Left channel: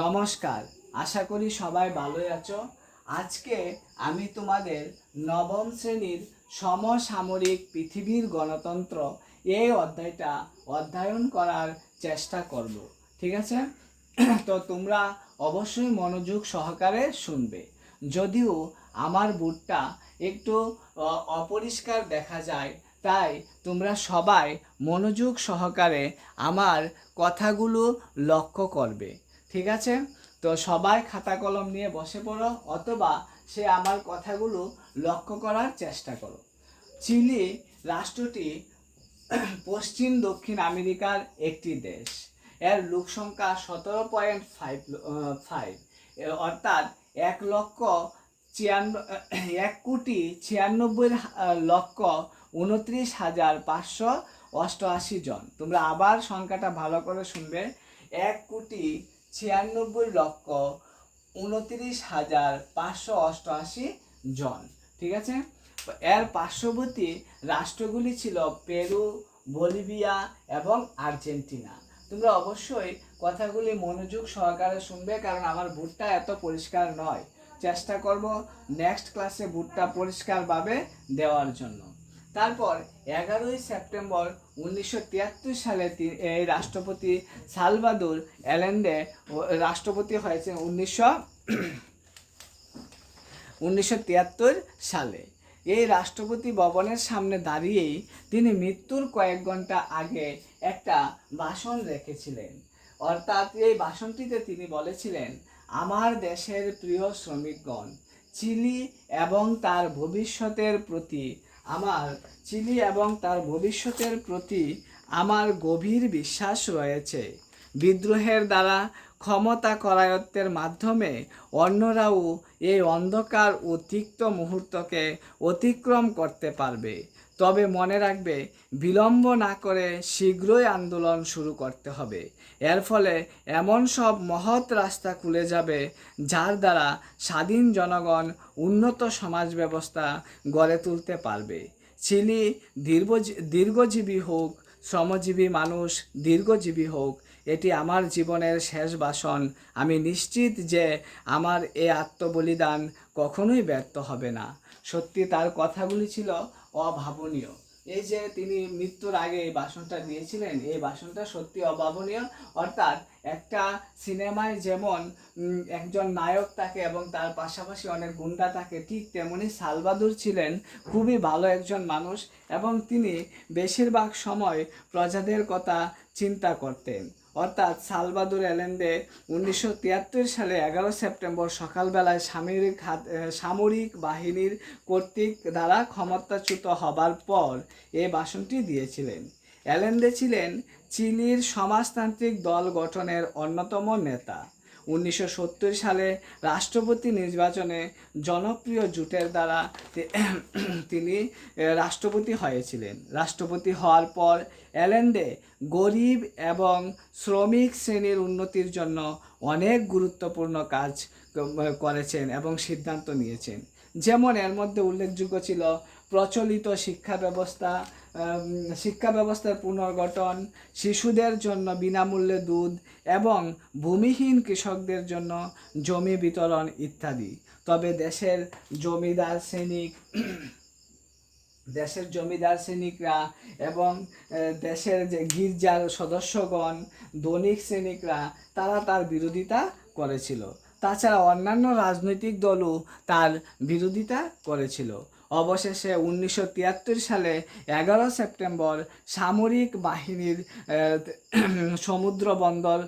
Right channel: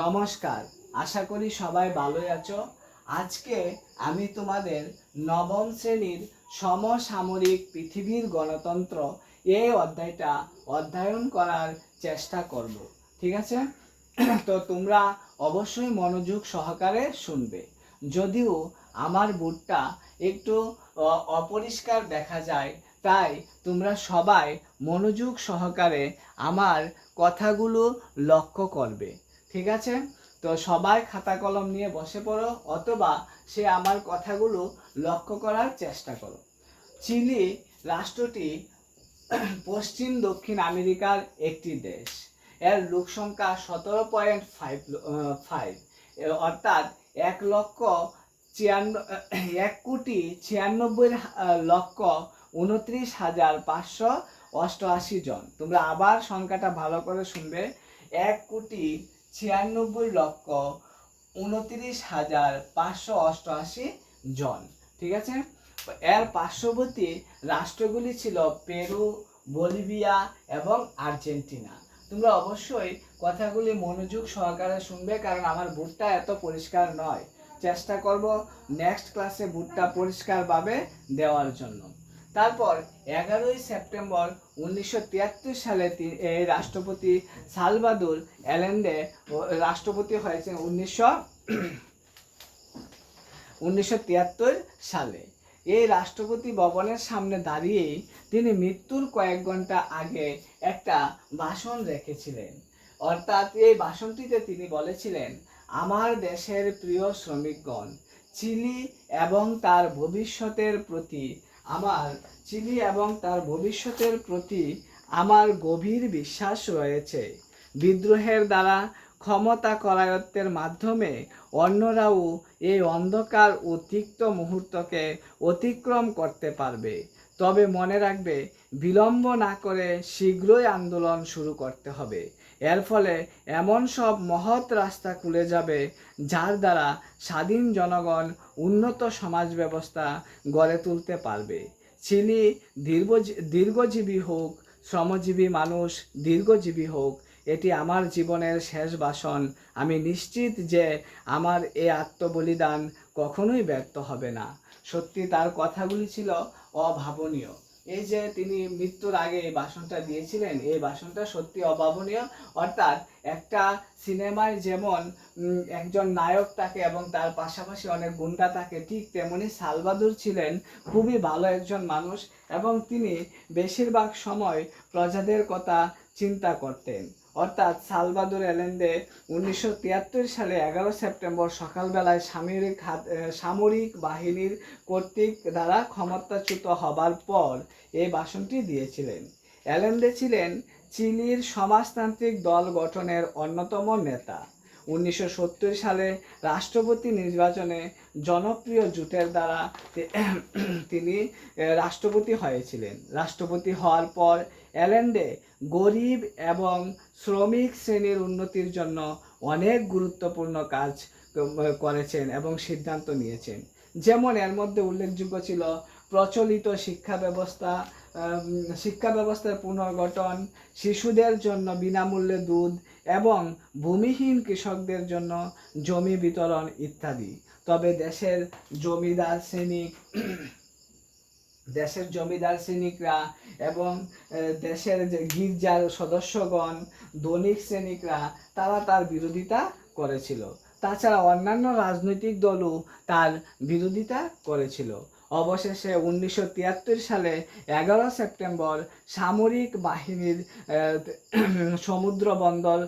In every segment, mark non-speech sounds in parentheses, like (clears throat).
নমস্কার, আশা করি সবাই ভালোই আছো। আজকে আমি তোমাদের নবম শ্রেণির সমসামরিক পৃথিবীর গণতন্ত্র এই অধ্যায়টা অধ্যয়ন করার চেষ্টা করব, ঠিক আছে? (clears throat) তো তোমরা অবশ্যই মনোযোগ সহকারে শুনবে। যদিও আমার বুটটা একটু অপরিষ্কার দেখা যায়, তাই তোমরা সবাই মনোযোগ সহকারে আমার কথাগুলো লক্ষ্য করবে। ঠিক আছে? তো সবাই খাতা কলম নিয়ে বসে পড়ো, অথবা সে আমার কথাগুলো লক্ষ্য করার চেষ্টা করো। চিলি রাষ্ট্রটি পশ্চিম দক্ষিণ আমেরিকার একটি দেশ। এর লোক সংখ্যা সতেরো পয়েন্ট ফাইভ ফাইভ। অর্থাৎ এক লক্ষ ছিয়ান্ন, এক কোটি ছিয়ানব্বই লক্ষ উনত্রিশ হাজার পাঁচশো অষ্টআশি জন। তোমরা আবার সংখ্যাটা ভালো করে শুনবে। এক কোটি ছিয়ানব্বই লক্ষ উনত্রিশ হাজার পাঁচশো অষ্টআশি জন, ঠিক আছে? এর পার্শ্ববর্তী রাষ্ট্রগুলি ছিল পেরু, বলিভিয়া এবং আর্জেন্টিনা। তোমরা অবশ্যই কথাগুলি মনোযোগ সহকারে শুনবে কারণ আমার বুটটা এত পরিষ্কার নয়। চেষ্টা করব নেক্সট ক্লাসে বুটটা পরিষ্কারভাবে দেওয়ার জন্য। তারপর এগারোই সেপ্টেম্বর উনিশশো তিয়াত্তর সালে এই রাষ্ট্রপতি সালভাদুর এলেন্ডে রাষ্ট্রপতি হয়েছেন উনিশশো উনিশশো সালে। এই রাষ্ট্রপতি ভবনের সামনে দাঁড়িয়েই তিনি মৃত্যুর কয়েক ঘণ্টা আগে একটা ভাষণ রেখেছিলেন। অর্থাৎ এই ভাষণটিতে তিনি বলেছিলেন, আমার দেশের প্রিয় শ্রমিকগণ চিলি এবং তার ভবিষ্যতের প্রতি আমার চিনি এবং তার ভবিষ্যতের প্রতি আমার গভীর বিশ্বাস রয়েছে। বিদ্রোহের দ্বারা ক্ষমতা করায়ত্বের মাধ্যমে অন্যরাও এই অন্ধকার ও তিক্ত মুহূর্তকে অতিক্রম করতে পারবে। তবে মনে রাখবে, বিলম্ব না করে শীঘ্রই আন্দোলন শুরু করতে হবে। এর ফলে এমন সব মহৎ রাস্তা খুলে যাবে, যার দ্বারা স্বাধীন জনগণ উন্নত সমাজ ব্যবস্থা গড়ে তুলতে পারবে। চিলি দীর্ঘ দীর্ঘজীবী হোক, শ্রমজীবী মানুষ, দীর্ঘজীবী হোক, এটি আমার জীবনের শেষ ভাষণ আমি নিশ্চিত যে আমার এ আত্মবলিদান কখনোই ব্যর্থ হবে না। সত্যি তার কথাগুলি ছিল অভাবনীয়। এই যে তিনি মৃত্যুর আগে এই ভাষণটা দিয়েছিলেন, এই ভাষণটা সত্যি অভাবনীয়। অর্থাৎ একটা সিনেমায় যেমন একজন নায়ক থাকে এবং তার পাশাপাশি অনেক গুন্ডা থাকে, ঠিক তেমনি সালবাদুর ছিলেন খুবই ভালো একজন মানুষ এবং তিনি বেশিরভাগ সময় প্রজাদের কথা চিন্তা করতেন। অর্থাৎ সালবাদুর এলেন্ডে উনিশশো সালে এগারো সেপ্টেম্বর সকালবেলায় সামরিক সামরিক বাহিনীর কর্তৃক দ্বারা ক্ষমতাচ্যুত হবার পর এ ভাষণটি দিয়েছিলেন। এলেন্ডে ছিলেন চিলির সমাজতান্ত্রিক দল গঠনের অন্যতম নেতা। উনিশশো সত্তর সালে রাষ্ট্রপতি নির্বাচনে জনপ্রিয় জোটের দ্বারা তিনি রাষ্ট্রপতি হয়েছিলেন। রাষ্ট্রপতি হওয়ার পর এলেন্ডে গরিব এবং শ্রমিক শ্রেণির উন্নতির জন্য অনেক গুরুত্বপূর্ণ কাজ করেছেন এবং সিদ্ধান্ত নিয়েছেন। যেমন এর মধ্যে উল্লেখযোগ্য ছিল প্রচলিত শিক্ষা ব্যবস্থা শিক্ষা ব্যবস্থার পুনর্গঠন, শিশুদের জন্য বিনামূল্যে দুধ এবং ভূমিহীন কৃষকদের জন্য জমি বিতরণ ইত্যাদি। তবে দেশের জমিদার শ্রেণি দেশের জমিদার শ্রেণিকরা এবং দেশের যে গির্জার সদস্যগণ, দৈনিক শ্রেণিকরা, তারা তার বিরোধিতা করেছিল। তাছাড়া অন্যান্য রাজনৈতিক দলও তার বিরোধিতা করেছিল। অবশেষে উনিশশো তিয়াত্তর সালে এগারো সেপ্টেম্বর সামরিক বাহিনীর সমুদ্র বন্দর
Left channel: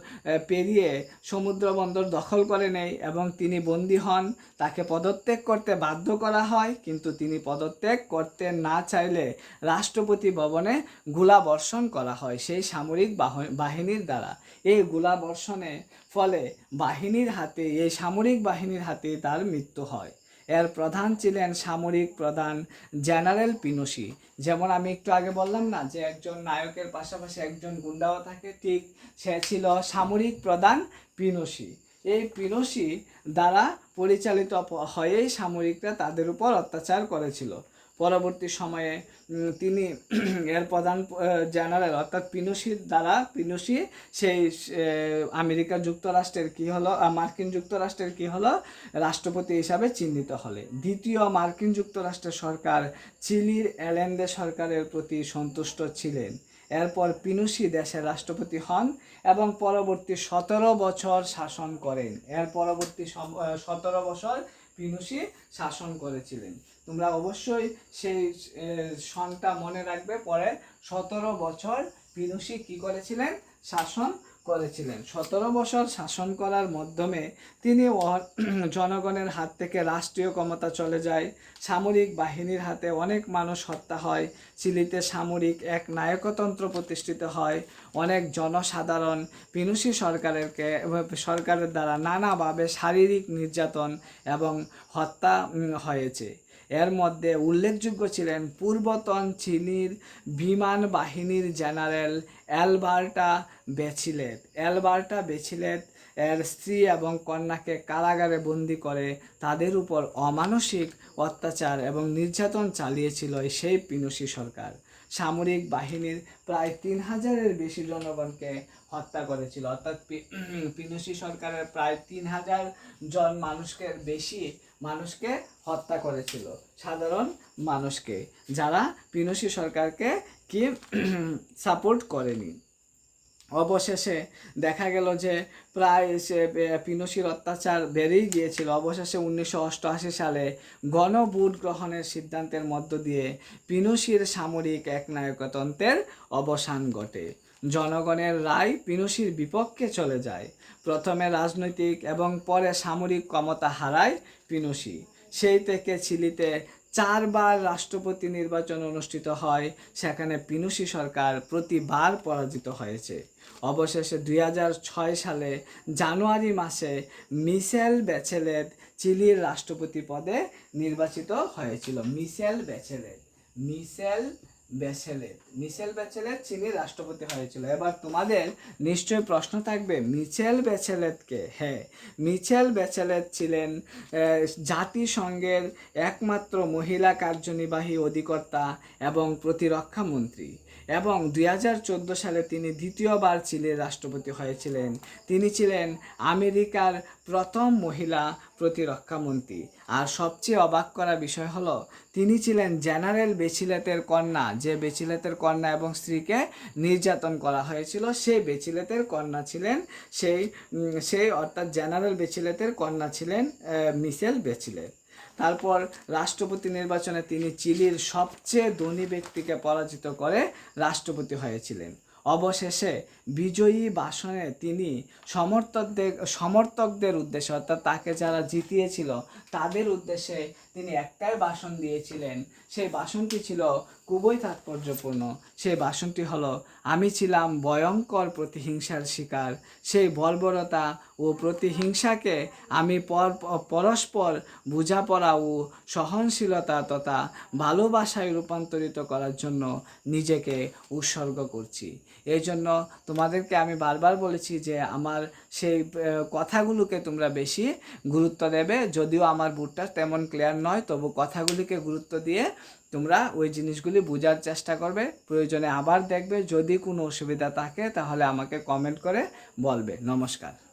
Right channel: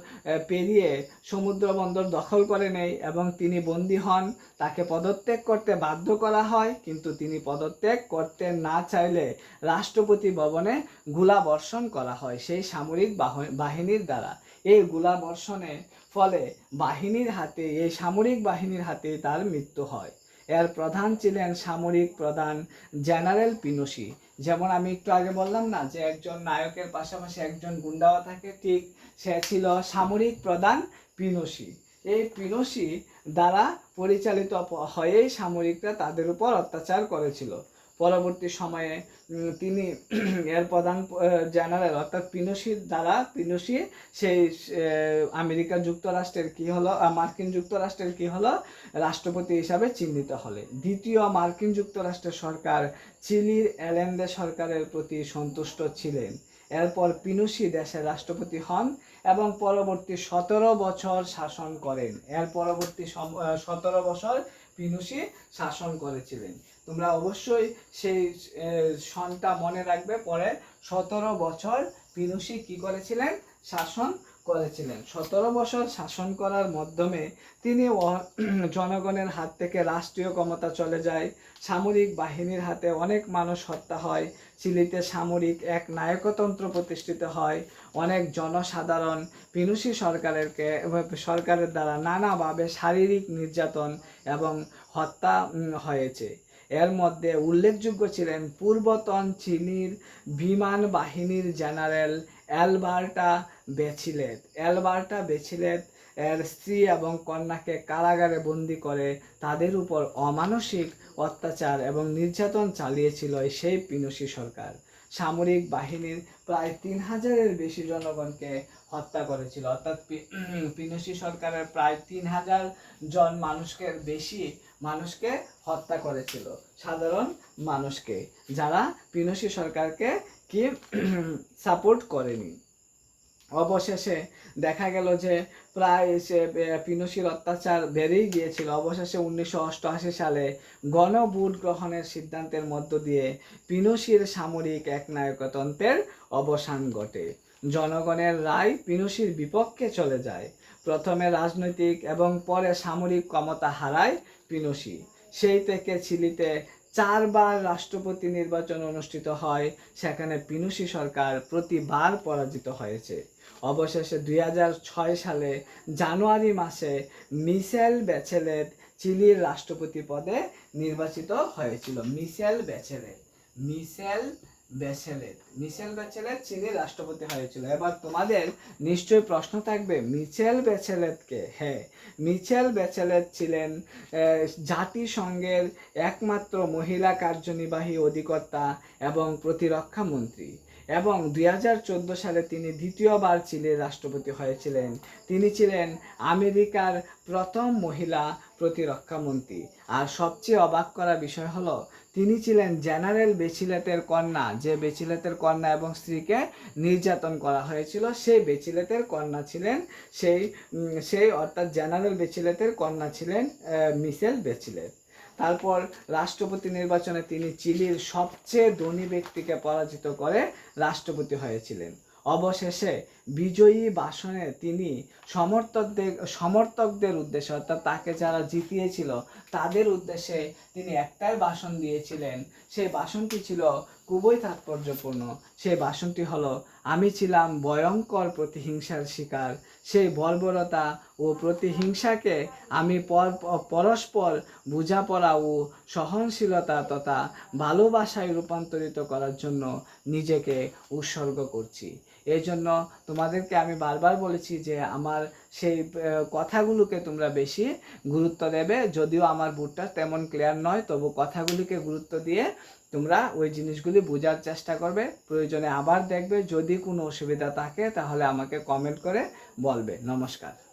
পেরিয়ে সমুদ্র বন্দর দখল করে নেয় এবং তিনি বন্দী হন। তাকে পদত্যাগ করতে বাধ্য করা হয়, কিন্তু তিনি পদত্যাগ করতে না চাইলে রাষ্ট্রপতি ভবনে গোলাবর্ষণ করা হয় সেই সামরিক বাহ- বাহিনীর দ্বারা। এই গোলাবর্ষণের ফলে বাহিনীর হাতে, এই সামরিক বাহিনীর হাতে তার মৃত্যু হয়। এর প্রধান ছিলেন সামরিক প্রধান জেনারেল পিনুসি যেমন আমি একটু আগে বললাম না যে একজন নায়কের পাশাপাশি একজন গুন্ডাও থাকে, ঠিক সে ছিল সামরিক প্রধান পিনুসি এই পিনুসি দ্বারা পরিচালিত হয়েই সামরিকরা তাদের উপর অত্যাচার করেছিল। পরবর্তী সময়ে তিনি (clears throat) এর প্রধান জেনারেল, অর্থাৎ পিনোসির দ্বারা পিনোসি সেই আমেরিকা যুক্তরাষ্ট্রের কি হলো মার্কিন যুক্তরাষ্ট্রের কি হলো, রাষ্ট্রপতি হিসাবে চিহ্নিত হলে। দ্বিতীয় মার্কিন যুক্তরাষ্ট্রের সরকার চিলির এলেন্ডে সরকারের প্রতি সন্তুষ্ট ছিলেন। এরপর পিনুসি দেশের রাষ্ট্রপতি হন এবং পরবর্তী সতেরো বছর শাসন করেন। এর পরবর্তী সতেরো বছর পিনুসি শাসন করেছিলেন। তোমরা অবশ্যই সেই সনটা মনে রাখবে পরে সতেরো বছর পিনুসি কি করেছিলেন? শাসন করেছিলেন। সতেরো বছর শাসন করার মাধ্যমে তিনি জনগণের হাত থেকে রাষ্ট্রীয় ক্ষমতা চলে যায়। সামরিক বাহিনীর হাতে অনেক মানুষ হত্যা হয়। চিলিতে সামরিক এক নায়কতন্ত্র প্রতিষ্ঠিত হয়। অনেক জনসাধারণ পিনুসি সরকারেরকে সরকারের দ্বারা নানাভাবে শারীরিক নির্যাতন এবং হত্যা হয়েছে। এর মধ্যে উল্লেখযোগ্য ছিলেন পূর্বতন চিলির বিমান বাহিনীর general Alberto Bachelet Alberto Bachelet এর স্ত্রী এবং কন্যাকে কারাগারে বন্দি করে তাদের উপর অমানসিক অত্যাচার এবং নির্যাতন চালিয়েছিল সেই পিনুসি সরকার। সামরিক বাহিনীর প্রায় তিন হাজারের বেশি জনগণকে হত্যা করেছিল। অর্থাৎ পিনুসি সরকারের প্রায় তিন হাজার জন মানুষকে বেশি মানুষকে হত্যা করেছিল, সাধারণ মানুষকে, যারা পিনুসি সরকারকে কি (clears throat) সাপোর্ট করেনি। অবশেষে দেখা গেল যে প্রায় সে পিনুসির অত্যাচার বেড়েই গিয়েছিল। অবশেষে উনিশশো অষ্টআশি সালে গণভোট গ্রহণের সিদ্ধান্তের মধ্য দিয়ে পিনুসির সামরিক একনায়কতন্ত্রের অবসান ঘটে। জনগণের রায় পিনুসির বিপক্ষে চলে যায়। প্রথমে রাজনৈতিক এবং পরে সামরিক ক্ষমতা হারায় পিনুসি। সেই থেকে চিলিতে চারবার রাষ্ট্রপতি নির্বাচন অনুষ্ঠিত হয়, সেখানে পিনুসি সরকার প্রতিবার পরাজিত হয়েছে। অবশেষে দুই সালে জানুয়ারি মাসে মিশেল ব্যাচেলেট চিলির রাষ্ট্রপতি পদে নির্বাচিত হয়েছিল। মিশেল ব্যাচেলেট, মিশেল ব্যাচেলেট মিশেল ব্যাচেলের চিলির রাষ্ট্রপতি হয়েছিল। এবার তোমাদের নিশ্চয়ই প্রশ্ন থাকবে মিচেল ব্যাচেলেটকে হ্যাঁ মিচেল ব্যাচেলেট ছিলেন জাতিসংঘের একমাত্র মহিলা কার্যনির্বাহী অধিকর্তা এবং প্রতিরক্ষা মন্ত্রী। এবং দুই হাজার চোদ্দ সালে তিনি দ্বিতীয়বার চিলির রাষ্ট্রপতি হয়েছিলেন। তিনি ছিলেন আমেরিকার প্রথম মহিলা প্রতিরক্ষা মন্ত্রী। আর সবচেয়ে অবাক করা বিষয় হলো তিনি ছিলেন জেনারেল বেচিলেতের কন্যা। যে বেচিলেতের কন্যা এবং স্ত্রীকে নির্যাতন করা হয়েছিল সেই বেচিলেতের কন্যা ছিলেন সেই সেই অর্থাৎ জেনারেল বেচিলেতের কন্যা ছিলেন আহ, মিশেল বেচিলেট তারপর রাষ্ট্রপতি নির্বাচনে তিনি চিলির সবচেয়ে ধনী ব্যক্তিকে পরাজিত করে রাষ্ট্রপতি হয়েছিলেন। অবশেষে বিজয়ী বাসনে তিনি সমর্থকদের সমর্থকদের উদ্দেশ্যে, অর্থাৎ তাকে যারা জিতিয়েছিল, তাদের উদ্দেশ্যে তিনি একটাই বাসন দিয়েছিলেন। সেই বাসনটি ছিল খুবই তাৎপর্যপূর্ণ। সেই বাসনটি হলো, আমি ছিলাম ভয়ঙ্কর প্রতিহিংসার শিকার। সেই বর্বরতা ও প্রতিহিংসাকে আমি পর, পরস্পর বোঝাপড়া ও সহনশীলতা তথা ভালোবাসায় রূপান্তরিত করার জন্য নিজেকে উৎসর্গ করছি। এই জন্য তোমাদেরকে আমি বারবার বলেছি যে আমার সেই কথাগুলোকে তোমরা বেশি গুরুত্ব দেবে। যদিও আমার বুটটা তেমন ক্লিয়ার নয়, তবু কথাগুলিকে গুরুত্ব দিয়ে তোমরা ওই জিনিসগুলি বোঝার চেষ্টা করবে। প্রয়োজনে আবার দেখবে, যদি কোনো অসুবিধা থাকে তাহলে আমাকে কমেন্ট করে বলবে। নমস্কার।